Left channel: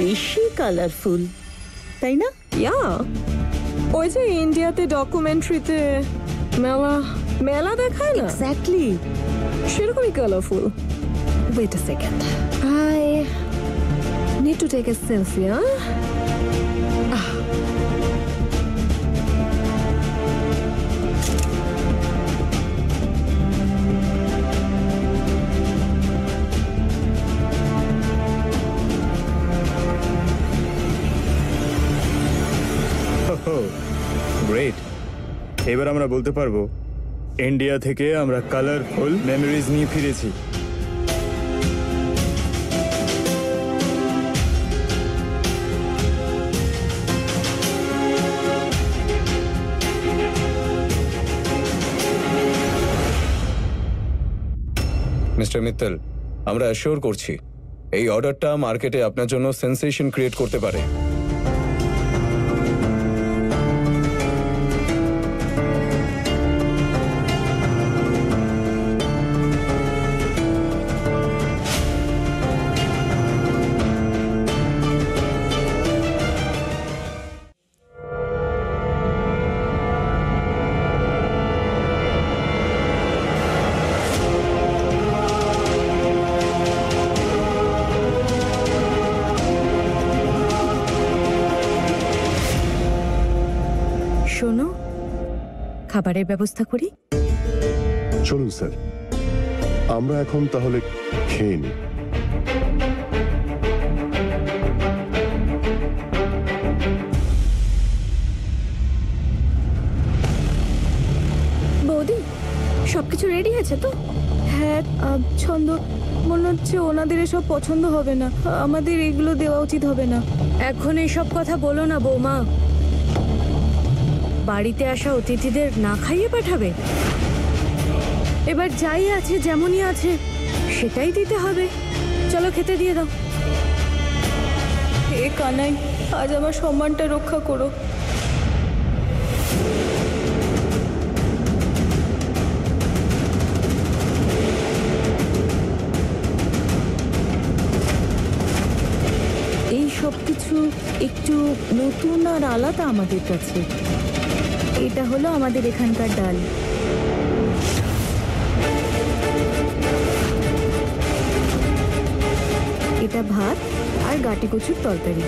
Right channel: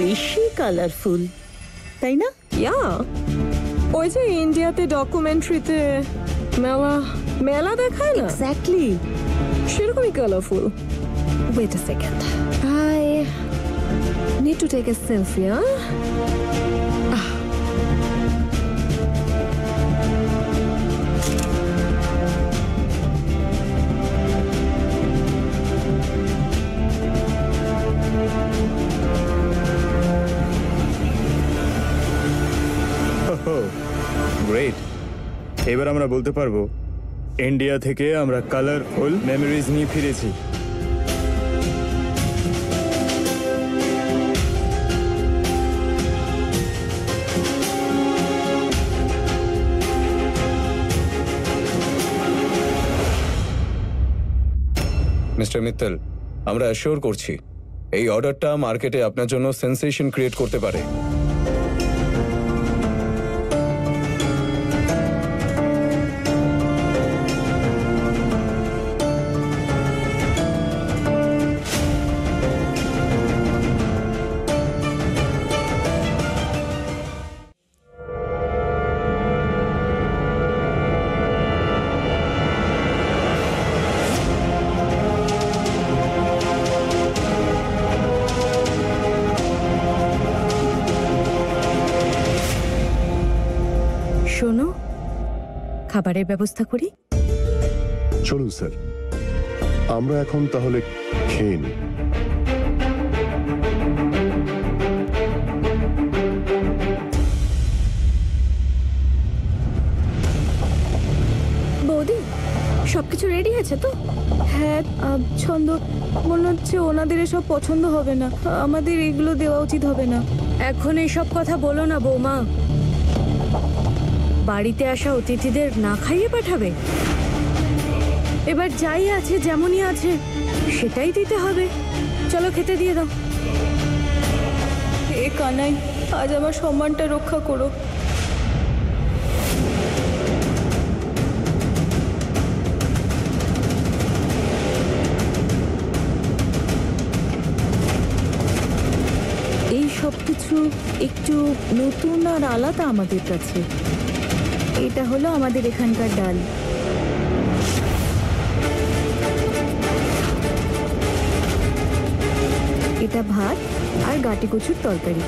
বেশি কালারফুল, তাই না? ইয়া, ওই যে ইন্ডিয়াতে ডকুমেন্টারিতে মেলা মেলা দেখায় না, এক্স্যাক্টলি সেরকমই colourful. Wait a second, I need to take a selfie. Great, এবার আমরা বলতে পারবো ইন্ডিয়া থেকে আমরা কালারফুল মেমোরিজ নিয়ে ফিরেছি। মিস্টার মিত্তল, আমরা অ্যাসিওর করছি এই অর্ডারটা মার্কেটে আপনার জন্য সেন্সেশন ক্রিয়েট করতে পারে। শোনো, খাবারের ব্যবস্থা করি। চলুন স্যার, আমরা এখন তাহলে খেয়ে নিই। বৌদি, সবকিছু রেডি আছে তো? হ্যাঁ, ছন্দ মনে হচ্ছে ওনাদের এসব পছন্দ হবে না, আমাদের এগুলো দেওয়া উচিত হবে না। এখন এইসব কথা বলো না বৌমা, বাড়িতে আসা অতিথিদের না খাইয়ে পাঠাবে? এবার যাই আছে যেমনই আছে সেটাই দিতে হবে। চলো খেতে দিয়ে দাও। এ কানাই, আজ আমার সম্মানটা রক্ষা করো। এই সব কিছু একটু নতুন আর আলাদা আমাদের কাছে। এটা হলো আমাদের এখানকার ডাল, এটা ভাত আর গাটি কচুর তরকারি।